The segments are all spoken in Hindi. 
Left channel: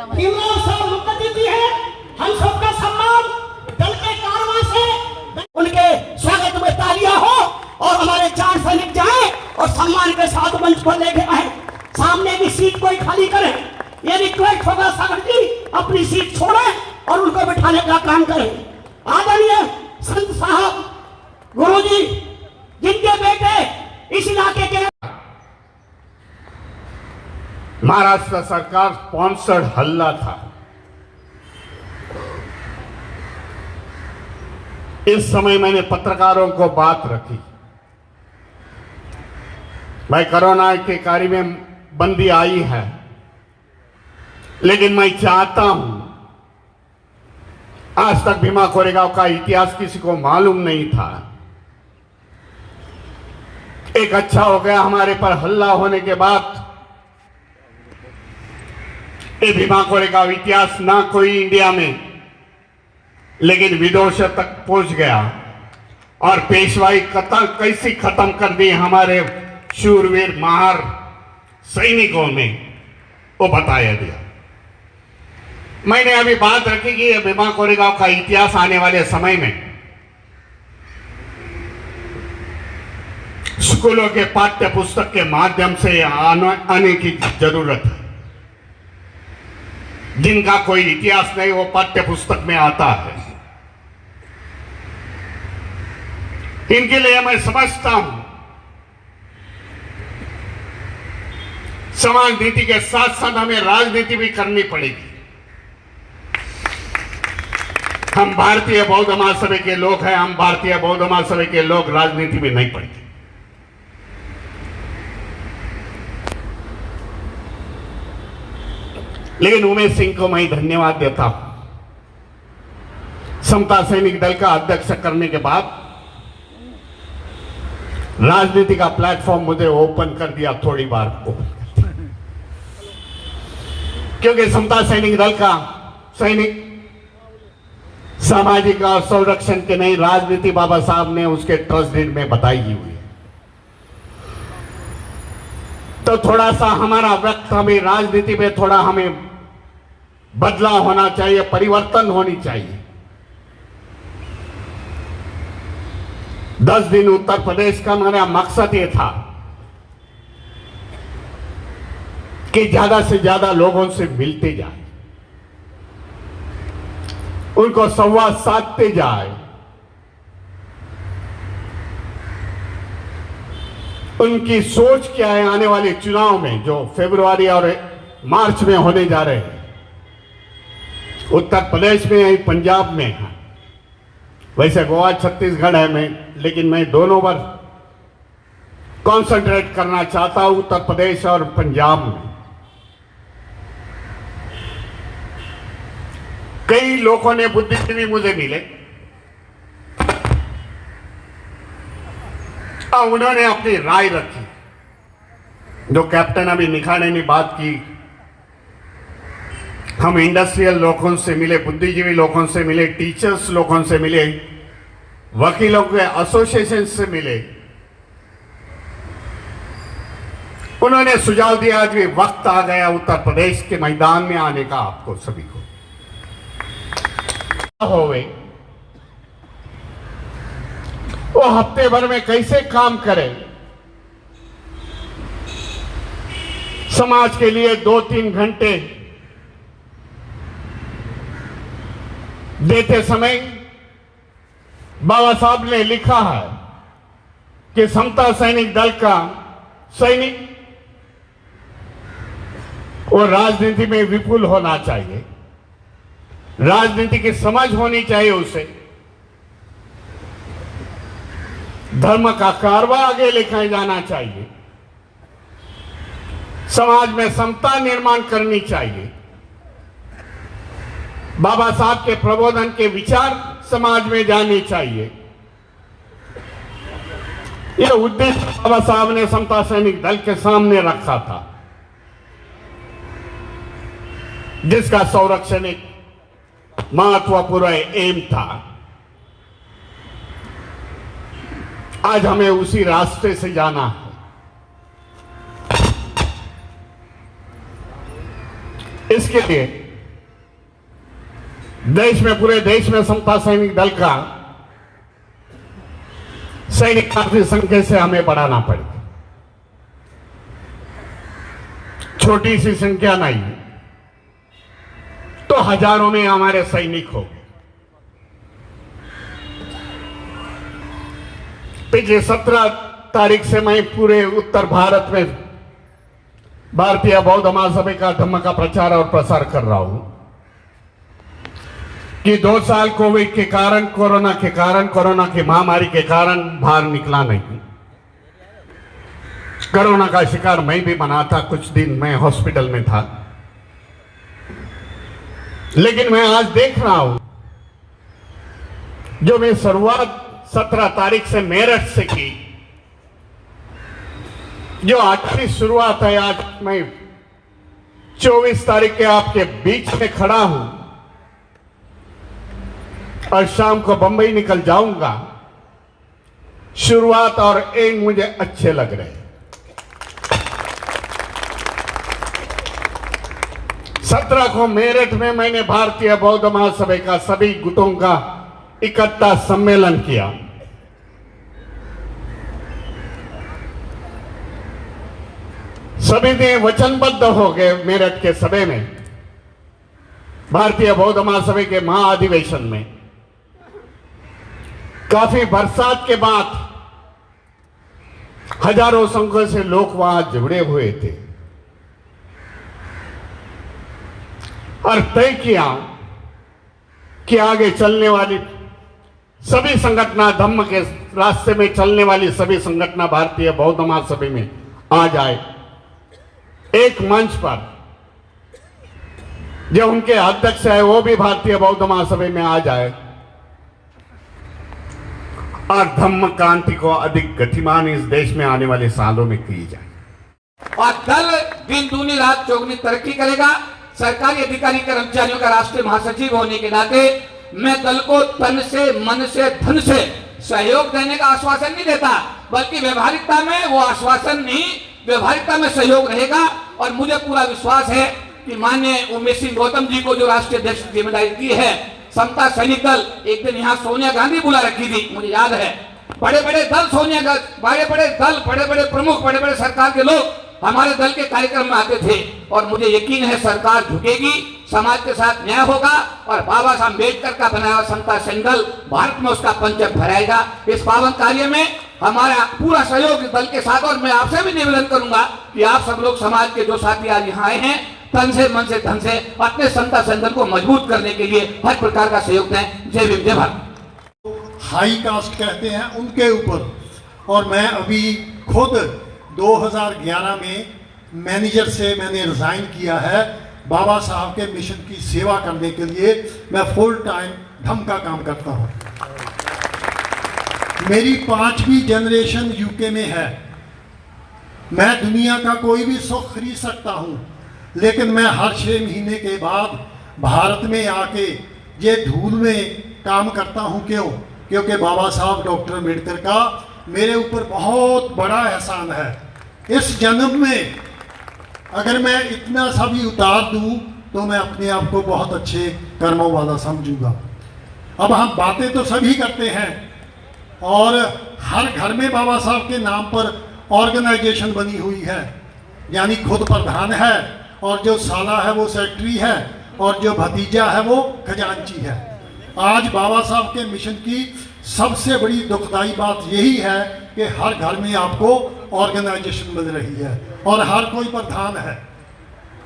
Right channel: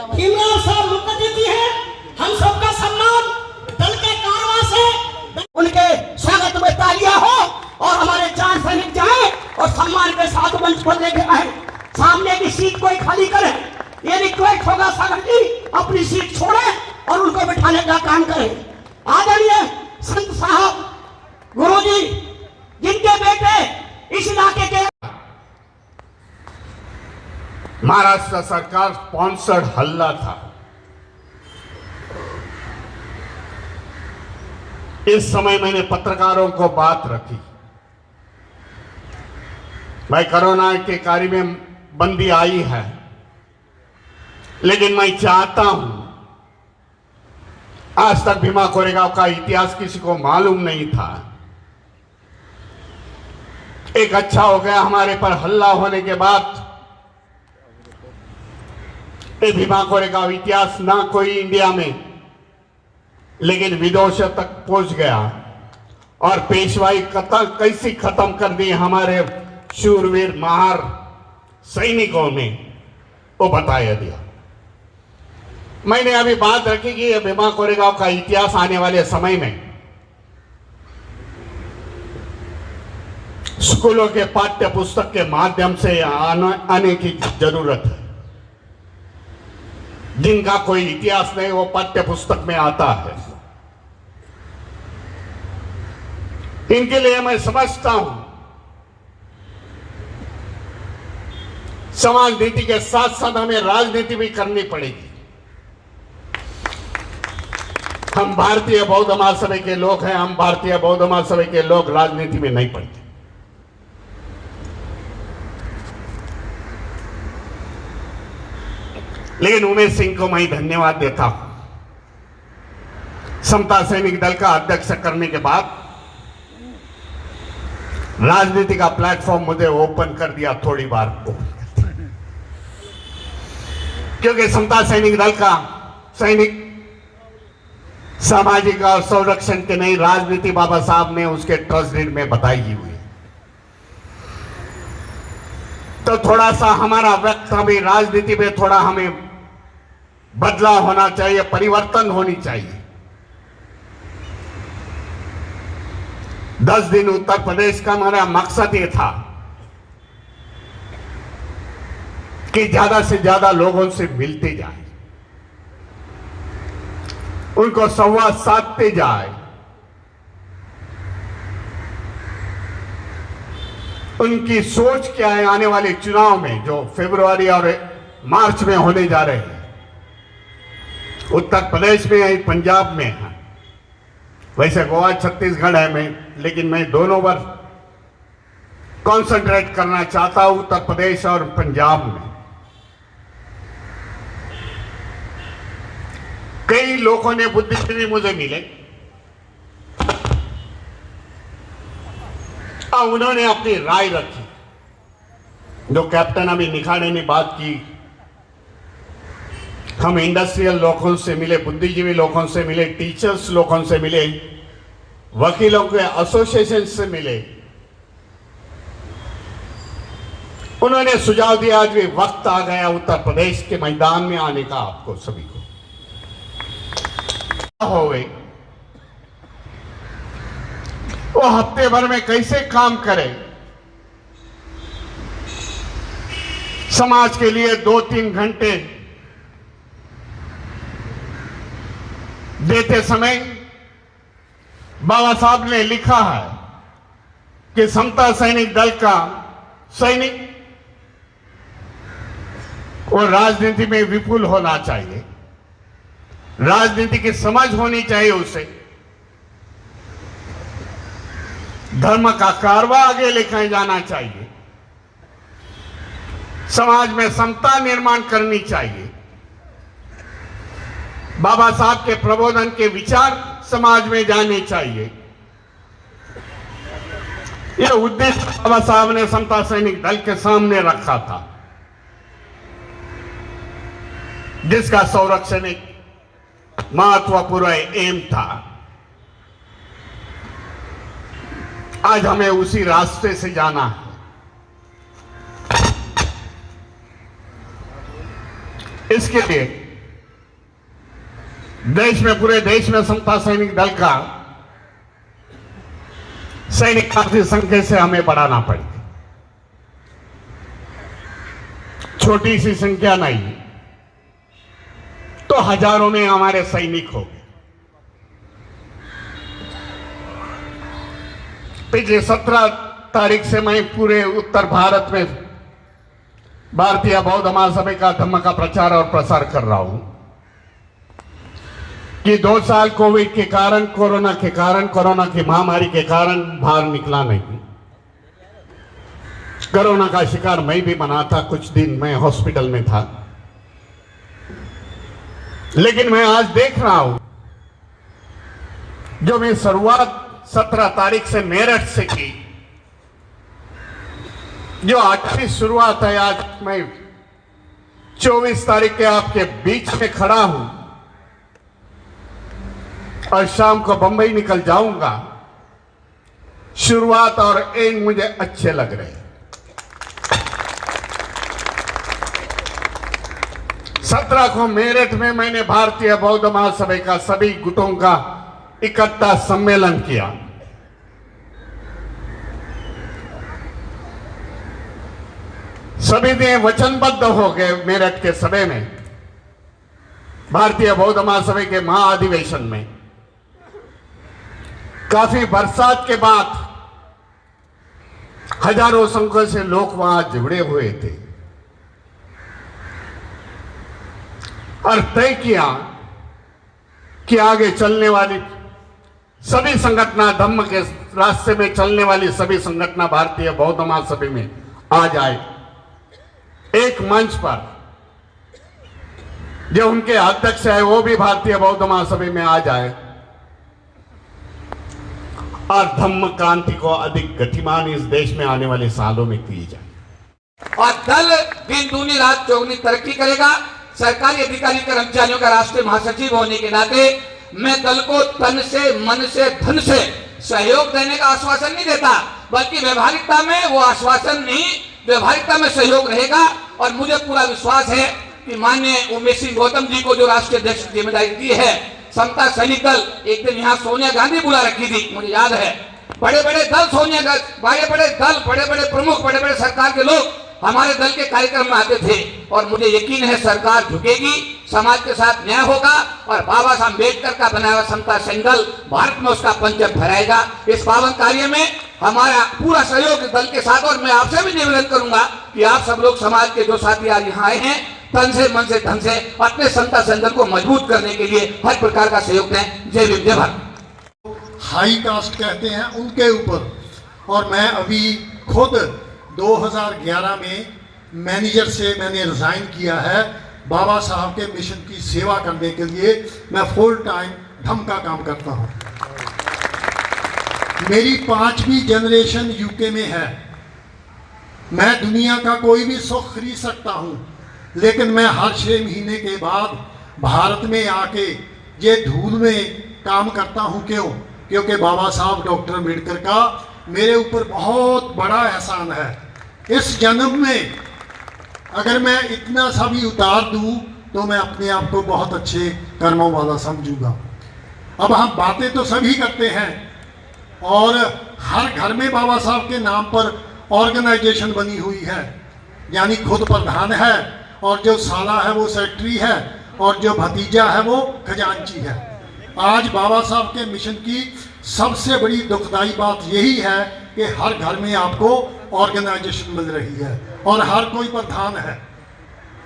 भीमराव साहब मुखर्जी है, हम सबका सम्मान दल के कारवां से उनके स्वागत में तालियां हो और हमारे 4 सैनिक जाएं और सम्मान के साथ मंच पर लेके आए। सामने की सीट कोई खाली करे, ये रिक्वेस्ट होगा सागर जी अपनी सीट छोड़े और उनको बिठाने का काम करें। आदरणीय संत साहब गुरुजी जिनके बेटे इस इलाके के महाराष्ट्र सरकार स्पॉन्सर्ड हल्ला था। इस समय मैंने पत्रकारों को बात रखी, भाई कोरोना के कार्य में बंदी आई है, लेकिन मैं चाहता हूं, आज तक भीमा कोरेगांव का इतिहास किसी को मालूम नहीं था। एक अच्छा हो गया हमारे पर हल्ला होने के बाद ये भीमा कोरेगांव इतिहास ना कोई इंडिया में लेकिन विदेशों तक पहुंच गया और पेशवाई कैसी खत्म कर दी हमारे शूरवीर महार सैनिकों ने वो बताया दिया। मैंने अभी बात रखी कि भीमा कोरेगांव का इतिहास आने वाले समय में स्कूलों के पाठ्य पुस्तक के माध्यम से आने की जरूरत है। जिनका कोई इतिहास नहीं वो पाठ्य पुस्तक में आता है। इनके लिए मैं समझता हूं समाज नीति के साथ साथ हमें राजनीति भी करनी पड़ेगी। हम भारतीय बौद्ध महासभा के लोग हैं, हम भारतीय बौद्ध महासभा के लोग राजनीति में नहीं पड़ते। लेकिन उमेश सिंह को मैं धन्यवाद देता हूं। समता सैनिक दल का अध्यक्ष करने के बाद राजनीति का प्लेटफॉर्म मुझे ओपन कर दिया थोड़ी बार को, क्योंकि समता सैनिक दल का सैनिक सामाजिक और संरक्षण के नई राजनीति बाबा साहब ने उसके ट्रस्ट डीड में बताई हुई है। तो थोड़ा सा हमारा वक्त, हमें राजनीति में थोड़ा हमें बदलाव होना चाहिए, परिवर्तन होनी चाहिए। 10 दिन उत्तर प्रदेश का हमारा मकसद ये था कि ज्यादा से ज्यादा लोगों से मिलते जाए, उनको संवाद साधते जाए, उनकी सोच क्या है आने वाले चुनाव में जो फरवरी और मार्च में होने जा रहे हैं, उत्तर प्रदेश में है, पंजाब में है। वैसे गोवा छत्तीसगढ़ है लेकिन मैं दोनों पर कंसंट्रेट करना चाहता हूं, उत्तर प्रदेश और पंजाब में। कई लोगों ने बुद्धिजीवी मुझे मिले और उन्होंने अपनी राय रखी। जो कैप्टन अभी निखाड़े ने बात की, हम इंडस्ट्रियल लोगों से मिले, बुद्धिजीवी लोगों से मिले, टीचर्स लोगों से मिले, वकीलों के एसोसिएशन से मिले। उन्होंने सुझाव दिया कि वक्त आ गया उत्तर प्रदेश के मैदान में आने का, आपको सभी को होवे वो हफ्ते भर में कैसे काम करे, समाज के लिए 2-3 घंटे देते समय बाबा साहब ने लिखा है कि समता सैनिक दल का सैनिक वो राजनीति में विपुल होना चाहिए, राजनीति की समझ होनी चाहिए, उसे धर्म का कारवा आगे लेकर जाना चाहिए, समाज में समता निर्माण करनी चाहिए, बाबा साहब के प्रबोधन के विचार समाज में जाने चाहिए। यह उद्देश्य बाबा साहब ने समता सैनिक दल के सामने रखा था, जिसका संरक्षण एक महत्वपूर्ण एम था। आज हमें उसी रास्ते से जाना है। इसके लिए देश में, पूरे देश में समता सैनिक दल का सैनिक काफी संख्या से हमें बढ़ाना पड़ेगा। छोटी सी संख्या नहीं तो हजारों में हमारे सैनिक हो गए। पिछले 17 तारीख से मैं पूरे उत्तर भारत में भारतीय बौद्ध महासभा का धम्म का प्रचार और प्रसार कर रहा हूं कि 2 साल कोविड के कारण, कोरोना की महामारी के कारण बाहर निकला नहीं। कोरोना का शिकार मैं भी बना था, कुछ दिन मैं हॉस्पिटल में था, लेकिन मैं आज देख रहा हूं जो मैं शुरुआत 17 तारीख से मेरठ से की, जो 8वीं शुरुआत है, आज मैं 24 तारीख के आपके बीच में खड़ा हूं और शाम को बंबई निकल जाऊंगा। शुरुआत और एंड मुझे अच्छे लग रहे हैं। 17 को मेरठ में मैंने भारतीय बौद्ध महासभा का सभी गुटों का इकट्ठा सम्मेलन किया। सभी ने वचनबद्ध हो गए मेरठ के सभा में, भारतीय बौद्ध महासभा के महाअधिवेशन में। काफी बरसात के बाद हजारों संख्या से लोग वहां जुड़े हुए थे और तय किया कि आगे चलने वाली सभी संगठन, धम्म के रास्ते में चलने वाली सभी संगठन भारतीय बौद्ध महासभा में आ जाए, एक मंच पर। जो उनके अध्यक्ष है वो भी भारतीय बौद्ध महासभा में आ जाए और धम्म क्रांति को अधिक गतिमान इस देश में आने वाले सालों में की जाए। और दल दिन दूनी रात चौगुनी तरक्की करेगा। सरकारी अधिकारी कर्मचारियों का राष्ट्रीय महासचिव होने के नाते मैं दल को तन से, मन से, धन से सहयोग देने का आश्वासन नहीं देता, बल्कि व्यवहारिकता में वो आश्वासन नहीं, व्यवहारिकता में सहयोग रहेगा। और मुझे पूरा विश्वास है कि माननीय उमेश सिंह गौतम जी को जो राष्ट्रीय अध्यक्ष की जिम्मेदारी दी है, समता सैनिक दल, एक दिन यहाँ सोनिया गांधी बुला रखी थी, मुझे याद है। बड़े बड़े दल, सोनिया गांधी, बड़े बड़े दल, बड़े बड़े प्रमुख, बड़े बड़े सरकार के लोग हमारे दल के कार्यक्रम में आते थे और मुझे यकीन है सरकार झुकेगी, समाज के साथ न्याय होगा और बाबा साहब अम्बेडकर का बनाया हुआ समता सैनिक दल भारत में उसका पंचम फहराएगा। इस पावन कार्य में हमारा पूरा सहयोग दल के साथ। और मैं आपसे भी निवेदन करूंगा कि आप सब लोग समाज के जो साथी आज यहाँ आए हैं, तन से, मन से, धन से अपने समता सैनिक दल को मजबूत करने के लिए हर प्रकार का सहयोग दें। जय भीम, जय भारत। हाई कास्ट कहते हैं उनके ऊपर, और मैं अभी खुद 2011 में मैनेजर से मैंने रिजाइन किया है बाबा साहब के मिशन की सेवा करने के लिए। मैं फुल टाइम धम्म का काम करता हूं। मेरी 5वीं जनरेशन यूके में है। मैं दुनिया का कोई भी सुख खरीद सकता हूं, लेकिन मैं हर 6 महीने के बाद भारत में आके ये धूल में काम करता हूं। क्यों? क्योंकि बाबा साहब डॉक्टर अम्बेडकर का मेरे ऊपर बहुत बड़ा एहसान है। इस जन्म में अगर मैं इतना सा भी उतार दूं तो मैं अपने आप को बहुत अच्छे कर्मों वाला समझूंगा। अब हम बातें तो सभी करते हैं और हर घर में बाबा साहब के नाम पर ऑर्गेनाइजेशन बनी हुई है, यानी खुद प्रधान है और जो साला है वो सेक्रेटरी है और जो भतीजा है वो खजांची है। आज बाबा साहब के मिशन की सबसे बड़ी दुखदाई बात यही है कि हर घर में आपको ऑर्गेनाइजेशन मिल रही है और हर कोई प्रधान है।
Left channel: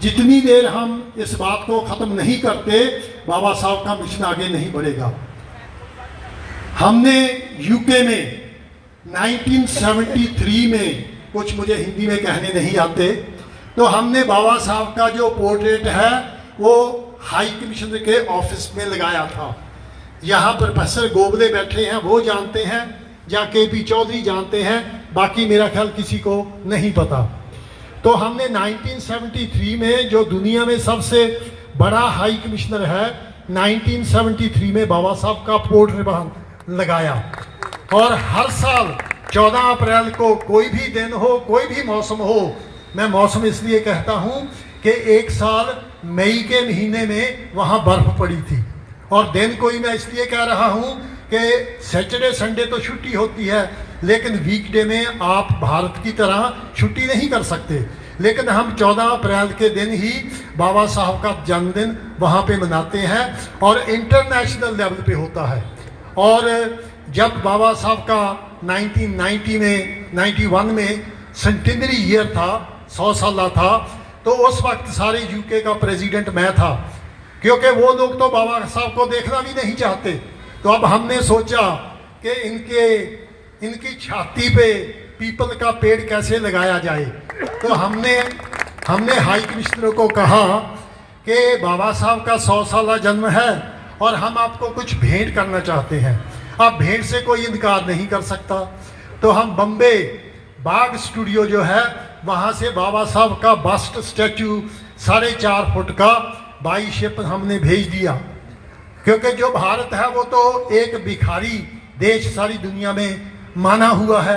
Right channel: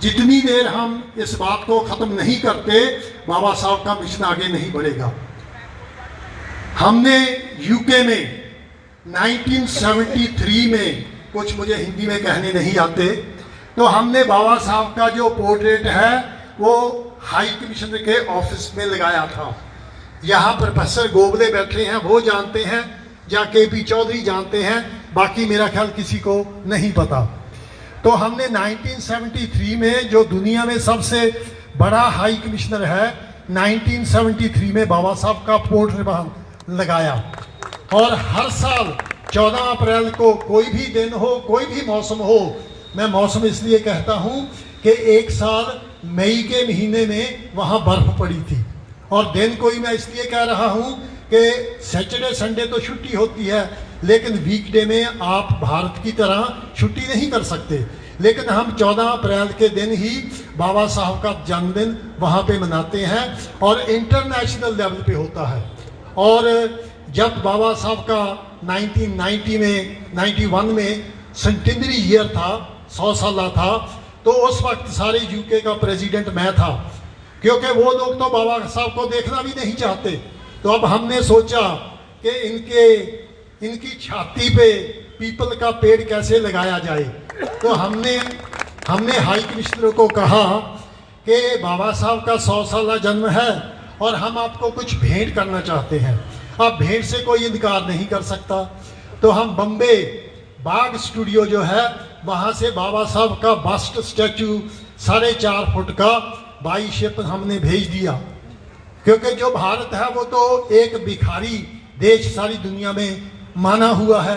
जितनी देर हम इस बात को खत्म नहीं करते, बाबा साहब का मिशन आगे नहीं बढ़ेगा। हमने यूके में 1973 में, कुछ मुझे हिंदी में कहने नहीं आते, तो हमने बाबा साहब का जो पोर्ट्रेट है वो हाई कमिश्नर के ऑफिस में लगाया था। यहाँ प्रोफेसर गोगले बैठे हैं, वो जानते हैं, या KP चौधरी जानते हैं, बाकी मेरा ख्याल किसी को नहीं पता। तो हमने 1973 में, जो दुनिया में सबसे बड़ा हाई कमिश्नर है, 1973 में बाबा साहब का पोर्ट्रेट लगाया। और हर साल 14 अप्रैल को, कोई भी दिन हो, कोई भी मौसम हो, मैं मौसम इसलिए कहता हूँ कि एक साल मई के महीने में वहाँ बर्फ पड़ी थी और दिन कोई मैं इसलिए कह रहा हूं कि सैटरडे संडे तो छुट्टी होती है, लेकिन वीकडे में आप भारत की तरह छुट्टी नहीं कर सकते। लेकिन हम 14 अप्रैल के दिन ही बाबा साहब का जन्मदिन वहाँ पे मनाते हैं और इंटरनेशनल लेवल पे होता है। और जब बाबा साहब का 1991 में सेंटेनरी ईयर था, 100 साल था, तो उस वक्त सारे यूके का प्रेसिडेंट मैं था, क्योंकि वो लोग तो बाबा साहब को देखना भी नहीं चाहते। तो अब हमने सोचा कि इनकी छाती पे पीपल का पेड़ कैसे लगाया जाए। तो हमने हाई कमिश्नर को कहा कि बाबा साहब का 100 साल जन्म है और हम आपको कुछ भेंट करना चाहते हैं। अब भेंट से कोई इनकार नहीं कर सकता। तो हम बम्बे बाग स्टूडियो जो है वहाँ से बाबा साहब का बस्ट स्टैचू 4.5 फुट का बाई शिप हमने भेज दिया, क्योंकि जो भारत है वो तो एक भिखारी देश सारी दुनिया में माना हुआ है।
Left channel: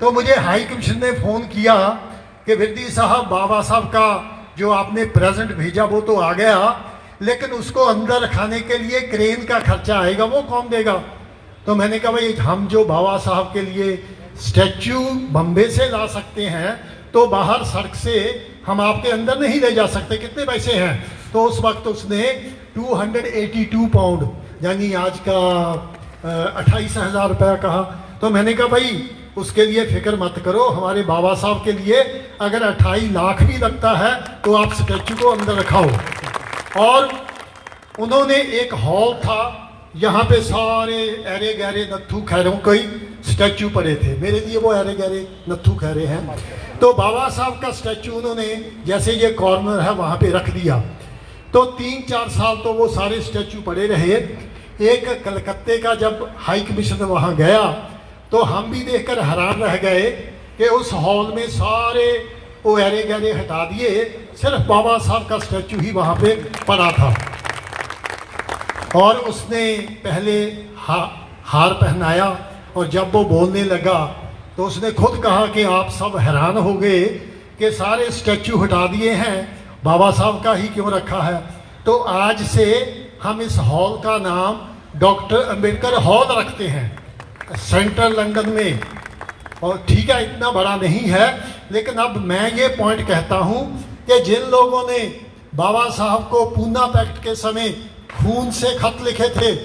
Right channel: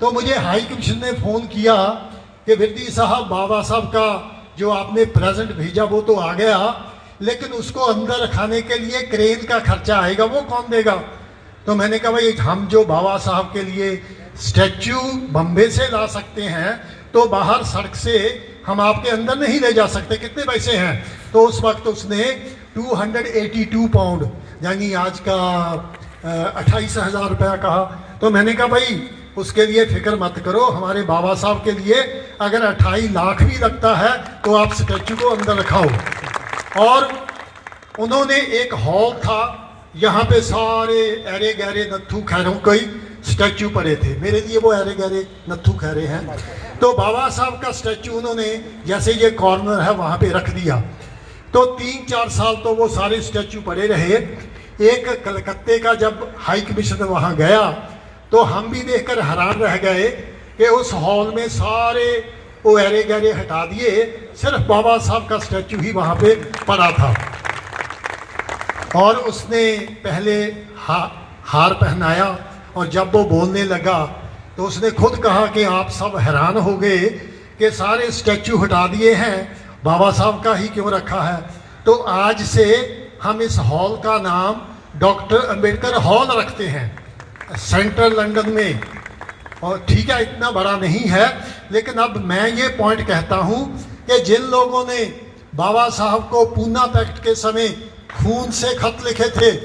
तो मुझे हाई कमिश्नर ने फ़ोन किया कि विरदी साहब, बाबा साहब का जो आपने प्रेजेंट भेजा वो तो आ गया, लेकिन उसको अंदर रखाने के लिए क्रेन का खर्चा आएगा, वो कौन देगा? तो मैंने कहा भाई, हम जो बाबा साहब के लिए स्टैचू बम्बे से ला सकते हैं तो बाहर सड़क से हम आपके अंदर नहीं ले जा सकते, कितने पैसे हैं? तो उस वक्त उसने 282 पाउंड यानी आज का 28,000 रुपया कहा। तो मैंने कहा भाई उसके लिए फिक्र मत करो, हमारे बाबा साहब के लिए अगर 28 लाख भी लगता है तो आप स्टैचू को अंदर रखाओ। और उन्होंने एक हॉल था, यहाँ पे सारे अरे गहरे नत्थू खैरों के स्टैचू पड़े थे। मेरे लिए वो अरे गहरे नत्थू खैरे हैं। तो बाबा साहब का स्टैचू उन्होंने जैसे ये कॉर्नर है वहाँ पे रख दिया। तो 3-4 साल तो वो सारे स्टैचू पड़े रहे। एक कलकत्ते का जब हाई कमिश्नर वहाँ गया तो हम भी देखकर हैरान रह गए कि उस हॉल में सारे वो अरे गहरे हटा दिए, सिर्फ बाबा साहब का स्टैचू ही वहाँ पे पड़ा था। और उसने पहले हार पहनाया और जब वो बोलने लगा तो उसने खुद कहा कि आप सब हैरान हो गए कि सारे स्टैचू हटा दिए हैं, बाबा साहब का ही क्यों रखा है। तो आज से हम इस हॉल का नाम डॉक्टर अंबेडकर हॉल रखते हैं सेंट्रल लंदन में। और ठीक है, इतना बड़ा नहीं है, लेकिन अब मैं ये पॉइंट कहता हूँ कि जिन लोगों ने बाबा साहब को पूना पैक्ट के समय खून से खत लिखे थे,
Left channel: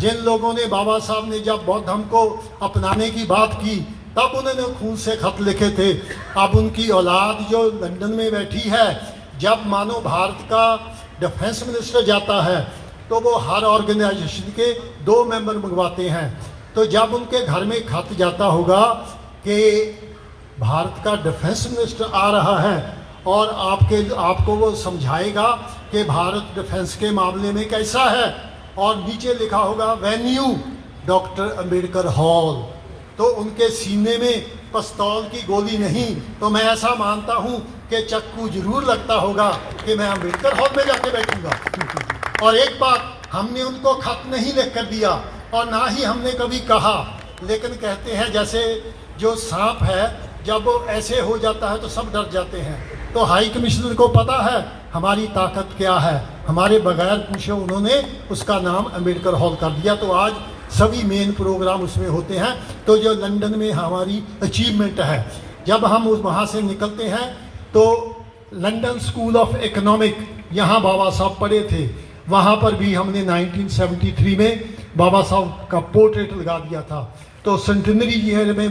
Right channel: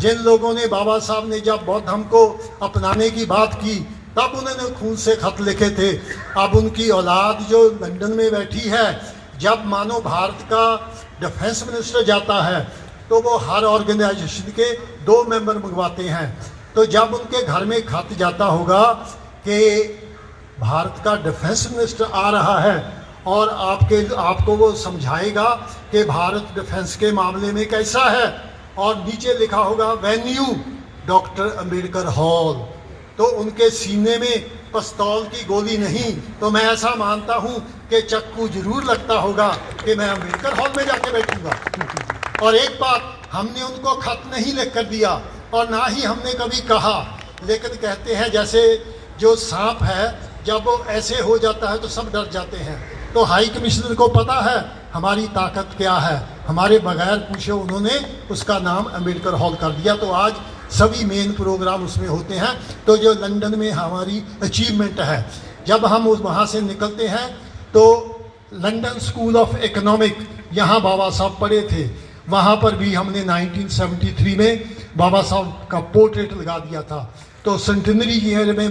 जिन लोगों ने बाबा साहब ने जब बौद्ध धर्म को अपनाने की बात की तब उन्होंने खून से खत लिखे थे, अब उनकी औलाद जो लंदन में बैठी है, जब मानो भारत का डिफेंस मिनिस्टर जाता है तो वो हर ऑर्गेनाइजेशन के 2 मेंबर मंगवाते हैं। तो जब उनके घर में खत जाता होगा कि भारत का डिफेंस मिनिस्टर आ रहा है और आपको वो समझाएगा कि भारत डिफेंस के मामले में कैसा है, और नीचे लिखा होगा वेन्यू डॉक्टर अंबेडकर हॉल, तो उनके सीने में पिस्तौल की गोली नहीं, तो मैं ऐसा मानता हूं कि चक्कू जरूर लगता होगा कि मैं अंबेडकर हॉल में जाके बैठूंगा। और एक बात, हमने उनको खत नहीं लिख कर दिया और ना ही हमने कभी कहा, लेकिन कहते हैं जैसे जो सांप है जब वो ऐसे हो जाता है तो सब डर जाते हैं। तो हाई कमिश्नर को पता है हमारी ताकत क्या है, हमारे बगैर पूछे उन्होंने उसका नाम अंबेडकर हॉल कर दिया। तो आज सभी मेन प्रोग्राम उसमें होते हैं। तो जो लंदन में हमारी अचीवमेंट है, जब हम वहाँ से निकलते हैं तो लंदन स्कूल ऑफ इकोनॉमिक यहाँ बाबा साहब पढ़े थे, वहाँ पर भी हमने 1973 में बाबा साहब का पोर्ट्रेट लगा दिया था। तो सेंटेनरी ईयर में